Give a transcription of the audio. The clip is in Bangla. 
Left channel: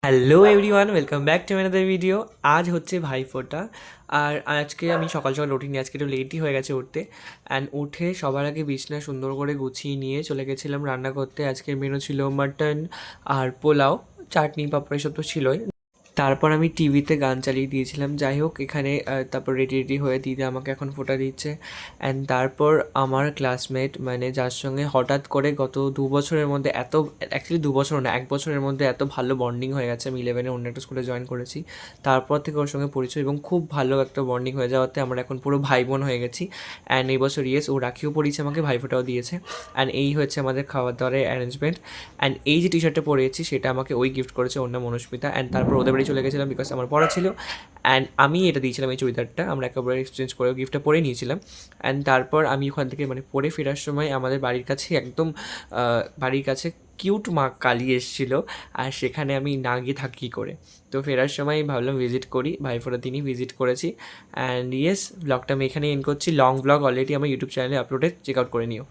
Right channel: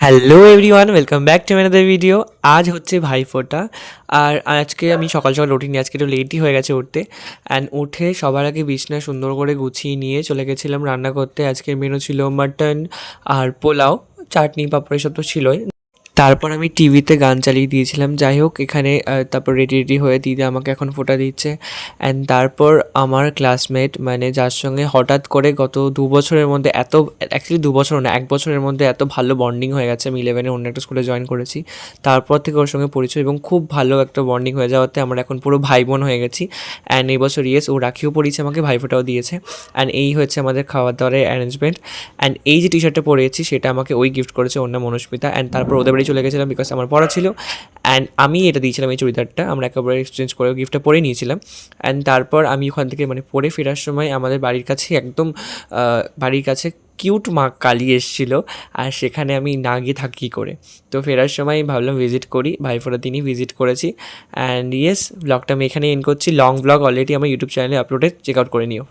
Hello everyone, welcome back to another video. আজ হচ্ছে ভাইফোঁটা। আর আজকে আমি সকাল সকাল উঠিনি, আজকে একটু লেটই হয়ে গেছে উঠতে। অ্যান্ড উঠে সবার আগে বিছনা সুন্দর করে গুছিয়ে নিয়ে চলে গেছিলাম রান্না করতে। আজকের মেনু ছিল মাটন আর পোলাও, চাটনি পাঁপড় এসব তো ছিলই। তারপর আমি টিভিতে গান চালিয়ে দিয়েছিলাম। যাই হোক, এখানে তারপর রেডি রেডি হয়ে দিদি আমাকে এখন ফোঁটা দিচ্ছে। অ্যান্ড তারপর আমার ক্লাসমেট, মানে যার সঙ্গে হঠাৎ করে গত 2 বছরের মধ্যে এত, অ্যাকচুয়ালি 2 বছর না, 1 বছরের মধ্যে এত ভালো বন্ডিং হয়ে গেছে। আমি 11-এ অন্য একটা স্কুলে জয়েন করেছি, তারপর থেকে ওর সঙ্গে পরিচয় এবং খুব ভালো একটা বন্ডিং হয়ে যাওয়াতে আমরা এখন পুরো ভাই বোন হয়ে গেছি। অ্যান্ড এই বছর ও রাখিও পরিয়েছে আমাকে, ভাইফোঁটাও দিয়েছে। অ্যান্ড এই হচ্ছে আমাদের খাওয়া দাওয়ার অ্যারেঞ্জমেন্ট। অ্যান্ড এই যে টি শার্টটা পরেছি সেটা আমাকে ওই গিফট করেছে, ওর নাম মনুষ্মিতা। অ্যান্ড তারপর ওদের বাড়ি চলে গেছিলাম বিকজ আমার পড়া ছিল। অ্যান্ড আমি এটা দিয়েছিলাম, এই চুড়িদারটা আমরা একেবারে এক্সচেঞ্জ করে গিফটটা পরে নিয়েছিলাম। অ্যান্ড তারপর আমি ওখান থেকে মানে পরে ফেরার সময় আমাদের বাড়ির কাছে একদম বাড়ির কাছে কিউট মা কালী এসেছিলো। আর সেখানে আমি না গিয়ে থাকি কী করে। তো ফেরার সময় ভাবলাম ভিজিট করি, ভাইফোঁটার দিনই ভিজিট করেছি। অ্যান্ড ইয়েস, ব্লগটা আমি এখানে এন্ড করছি। লং ব্লগ অলরেডি আমার ইউটিউব চ্যানেলে আপলোডেড, চেক আউট করে নিও।